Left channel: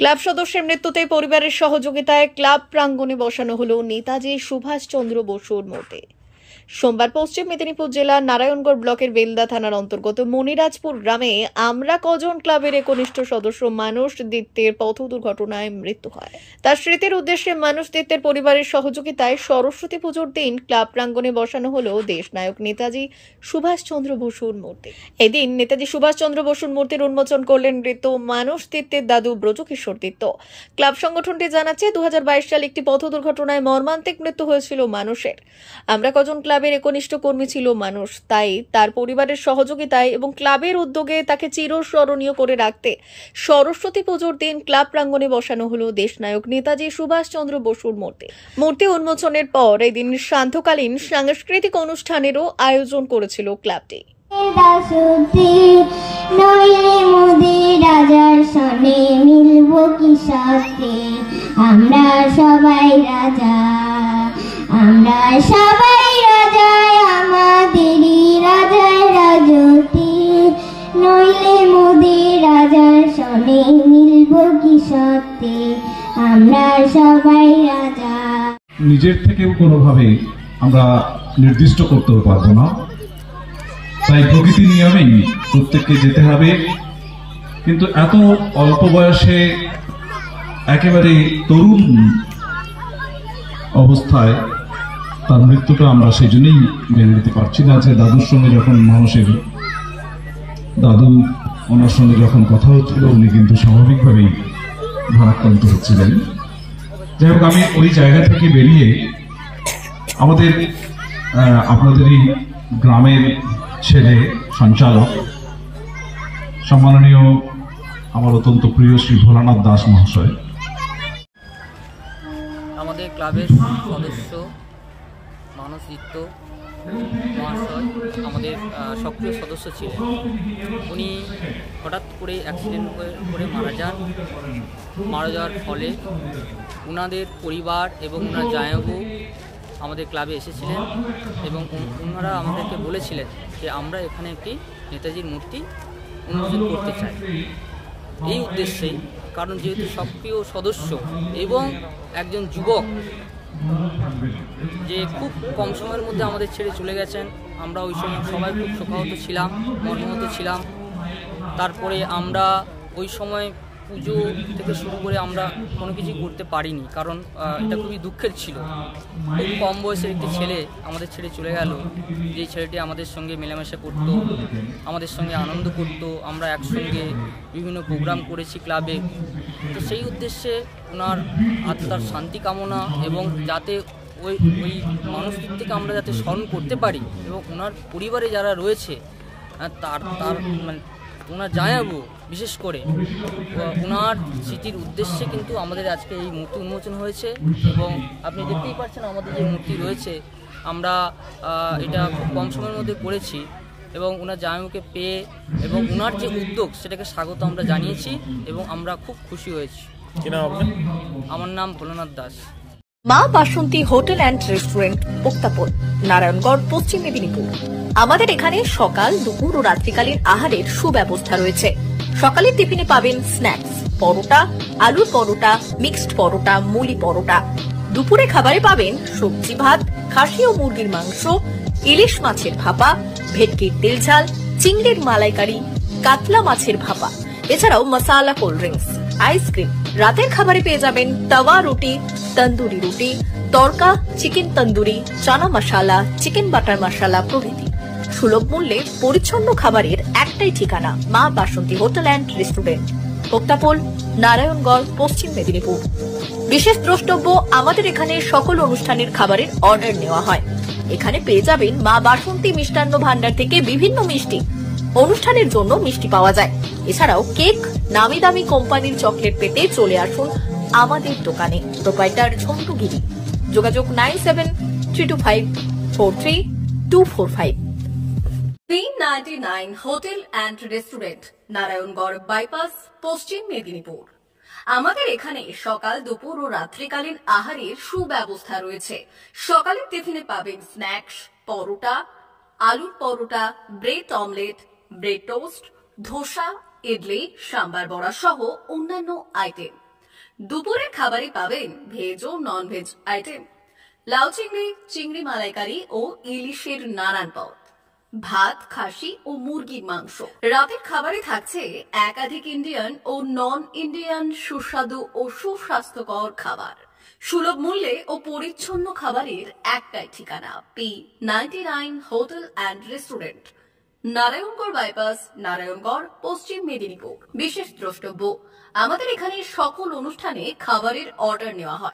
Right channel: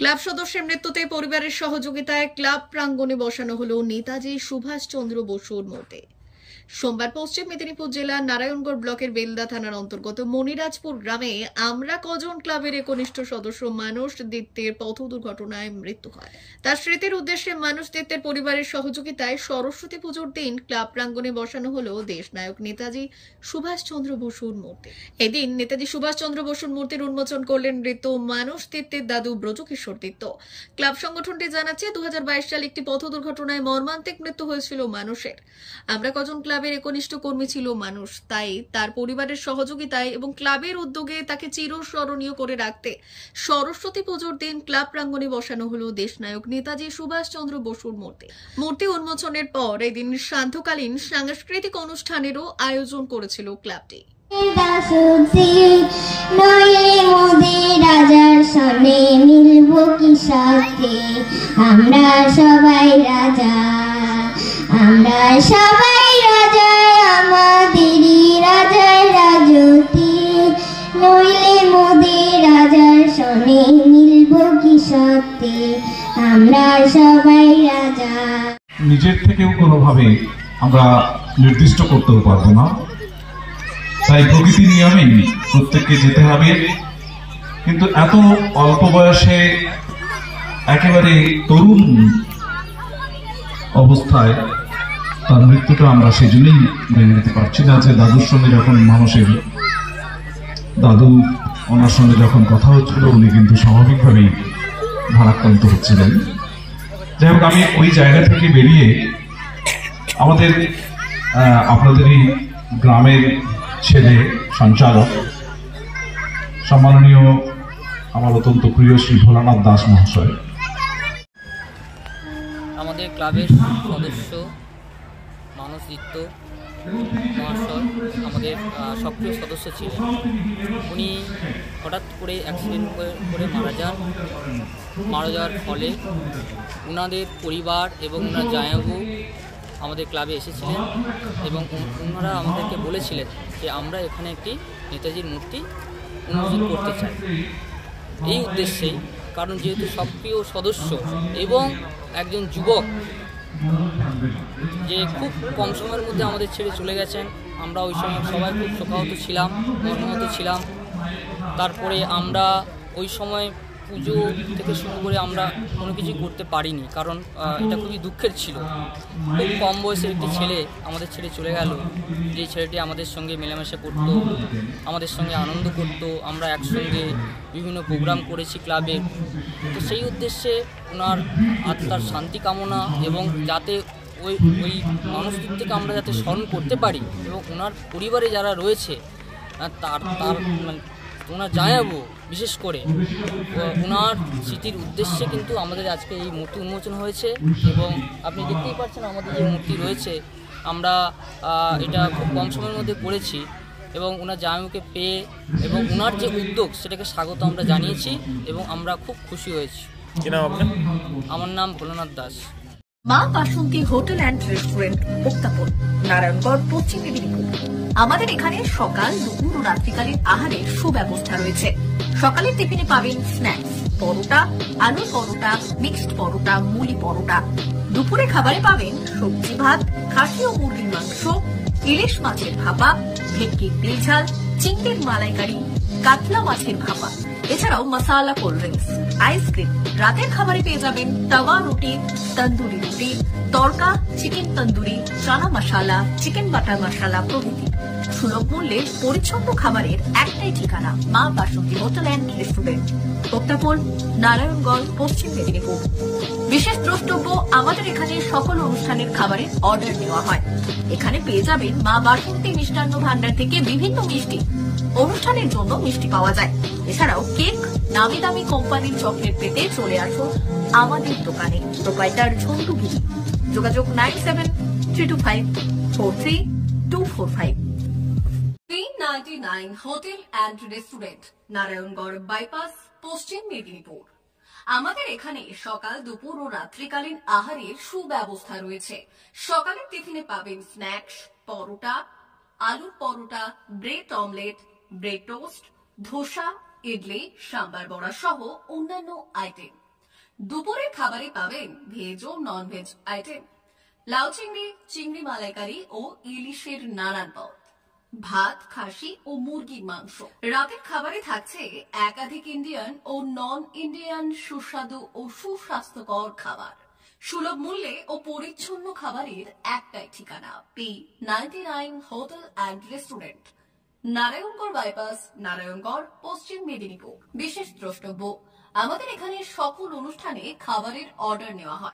Club সদস্যের মৃত্যুতে পরিবারের সহযোগিতায় ক্লাব প্রাঙ্গণে বসানো হলো নেতাজি সুভাষচন্দ্র বসুর মূর্তি। সোমবার পশ্চিম মেদিনীপুর জেলার নারায়ণগড় ব্লকের বেলদা থানার অন্তর্গত মনিরাজপুর গ্রামে আমরা কজন ক্লাবের একনিষ্ঠ সদস্য মানুষ দত্তের পথ দুর্ঘটনায় মৃত্যু হয়। তার স্মৃতির উদ্দেশ্যে মানুষ দত্তের পরিবারের সহযোগিতায় সরস্বতী পুজোর দিন ক্লাব প্রাঙ্গণে বসানো হলো দেশনায়ক নেতাজি সুভাষচন্দ্র বসুর মূর্তি। এদিন নেতাজি সুভাষচন্দ্র বসুর মূর্তির উন্মোচন করলেন মৃত মানুষ দত্তের দাদু ব্রজকিশোর দত্ত। ক্লাব সংগঠনটি জানাচ্ছে 2022 সালে একটি পথ দুর্ঘটনায় মর্মান্তিক মৃত্যু হয়েছিল মানুষের। আমরা কজন ক্লাবের একনিষ্ঠ কর্মী ছিল মানুষ, তাই তার পরিবারের সহযোগিতায় এবং ক্লাবের উদ্যোগে তাকে চিরস্মরণীয় করে রাখতে সরস্বতী পুজোর দিন ক্লাব প্রাঙ্গণে বসানো হলো দেশনায়ক নেতাজি সুভাষচন্দ্র বসুর মূর্তি। মূর্তি উন্মোচনের পর এদিন সান্ধ্যকালীন সাংস্কৃতিক অনুষ্ঠানেরও আয়োজন করেছিল ক্লাবটি। আমরা সবাই রাজা, আমরা সবাই রাজা, আমাদেরই রাজার রাজত্বে, নইলে মোদের রাজার সনে মিলব কি সত্যে, আমরা সবাই রাজা। নিজের থেকেও কোনোভাবে আমরা নির্দিষ্ট করতেও পারবো না, তাই প্রকৃতির নিয়মেই প্রত্যেককে যেতে হবে। কিন্তু এত অল্প বয়সে একেবারে তরুণ অবস্থায় তার মৃত্যুটা আমরা সেজন্যই মেনে নিতে পারছি না যে দাদুর সঙ্গে যখন মানুষের দাদু ওনার সঙ্গে যখন কথা হচ্ছিল উনি কিন্তু স্বাভাবিকভাবেই ভারাক্রান্ত হচ্ছিলেন। যাই হোক, আমি ওই জায়গা থেকে বেরিয়ে আমাদের আপনাদেরই গ্রামের ছেলে সঞ্চালক সম্মাননীয় আমার অত্যন্ত প্রিয় শ্রী ভোলানাথ দাস মহাশয়, আমাদের ক্লাবের সদস্য মানুষ দত্ত মহাশয় আমাদের সক্রিয় সদস্য ছিলেন। উনি হঠাৎ করে অ্যাক্সিডেন্ট করে মারা যাওয়ার ফলে ওনাদের পরিবার এবং ওনার জামাইবাবু আমাদের ক্লাবে এসেছিলেন এবং ওনারা আমাদেরকে বলেছিলেন যে আমরা এখানে একটি নেতাজির মূর্তি উন্মোচন করতে চাই। এই উদ্দেশ্যেই, কারণ যেহেতু সক্রিয় সদস্য এবং একজন যুবক যে খুব কম সময়ের মধ্যে আমাদের ছেড়ে চলে গেছেন, আমরা ওই সময় সবাই খুব শোকাহত ছিলাম, মর্মাহত ছিলাম। তারপরে আমরা ওই সময় পুজো থেকে শুরু করে আমরা কোনো কিছু করতে পারিনি, কারণ এটা খুবই দুঃখের ছিল। খুব কম বয়সের একটি ছেলে আমাদের ছেড়ে চলে গেল, যেই ছেলেটি আমাদের সঙ্গে মেলামেশা করতো, আমাদের সঙ্গে আনন্দ করত, আমরা একসঙ্গে বিভিন্ন প্রোগ্রাম করেছি ক্লাবে। তো সেই উদ্দেশ্যে ওনার আত্মার শান্তি কামনা এবং যাতে ওই মানুষদের থেকে আমরা যাতে স্মরণ করতে পারি এবং ওনার পরিবারে যারা রয়েছে তার মানে ওনার জামাইবাবু বিশেষ করে ওনার স্মৃতির উদ্দেশ্যে কিন্তু আমাদের আজকে এই মূর্তি উন্মোচন হয়েছে। এবং আপনি দেখতেই পাচ্ছেন আমাদের যে মূর্তি রয়েছে, আমরা এটা খুব কম সময়ের মধ্যে করেছি এবং ওনার জামাইবাবুকে পেয়ে এবং ওনার যে উদ্যোগ সেটাকে স্বাগত আমরা জানিয়েছি এবং আমরা খুব খুশি হয়েছি। কি নাম আপনার? আমার নাম ভোলানাথ দাস। মা বাসন্তী হোটেল অ্যান্ড রেস্টুরেন্ট, উত্তাপন, নারায়ণগড়, পশ্চিম মেদিনীপুর। আমাদের এখানে সকাল, দুপুর ও রাত্রিকালীন আহারের সুব্যবস্থা রয়েছে। সকালের টিফিনে পাবেন স্ন্যাক্স, পরোটা, আলুর পরোটা, মিক্সড পরোটা, মুলি পরোটা। দুপুরে খাবারে পাবেন সবজি ভাত, খাসি ও মুরগির মাংস, ইলিশ মাছের ভাপা, ভেটকির তেল ঝাল, চিংড়ির মালাইকারি, কাতলা মাছের ভাপা, এছাড়াও মশালা কোল্ড ড্রিঙ্কস, আইসক্রিম। রাতের খাবারে পেয়ে যাবেন তাওয়া রুটি, তন্দুরি রুটি, তড়কা, চিকেন তন্দুরি, চানা মশালা, চিকেন বাটার মশালা প্রভৃতি। সুলভ মূল্যে পরিচ্ছন্ন খাবারের একটাই ঠিকানা, মা বাসন্তী হোটেল অ্যান্ড রেস্টুরেন্ট, উত্তাপন, নারায়ণগড়, পশ্চিম মেদিনীপুর। বিশেষ দ্রষ্টব্য, আমাদের এখানে সকল অনুষ্ঠানের খাবারের অর্ডার নেওয়া হয়। এখানে পেয়ে যাবেন মা বাসন্তী মিষ্টান্ন ভান্ডার থেকে বিভিন্ন মিষ্টি। অনুষ্ঠানের জন্য মিষ্টি পাওয়া যায়। এছাড়াও কেক, নামি দামি কোম্পানির চকলেট পেতে চলে আসুন আমাদের দোকানে। প্রোপাইটার ঝন্টুগিরি। যোগাযোগ 9772543245। 399 hotel and restaurant, Narayangarh bypass, পশ্চিম মেদিনীপুর। আমাদের এখানে সকাল, দুপুর ও রাত্রিকালীন আহারের সুব্যবস্থা রয়েছে। সকালের টিফিনে পাবেন স্ন্যাক্স, পরোটা, আলুর paratha, bread omelette, bread toast, dosa, idli, sambar vada সহ অন্যান্য আইটেম। দুপুরের খাবারে পাবেন ভেজ ও নন ভেজ আইটেম, লাউ চিংড়ি, চিংড়ি মালাইকারি ও ইলিশের নানান পদ, ভাত, খাসি ও মুরগির মাংস। রাতের খাবারে থাকছে একাধিক ইন্ডিয়ান ও নন ইন্ডিয়ান সুস্বাদু ও সুস্বাস্থ্যকর খাবার। সুলভ মূল্যে ও পরিচ্ছন্ন খাবারের একটাই ঠিকানা, P99 hotel and restaurant, Narayangarh bypass, Narayangarh, পশ্চিম মেদিনীপুর। বিশেষ দ্রষ্টব্য, আমাদের এখানে সকল অনুষ্ঠানে খাবারের অর্ডার নেওয়া হয়।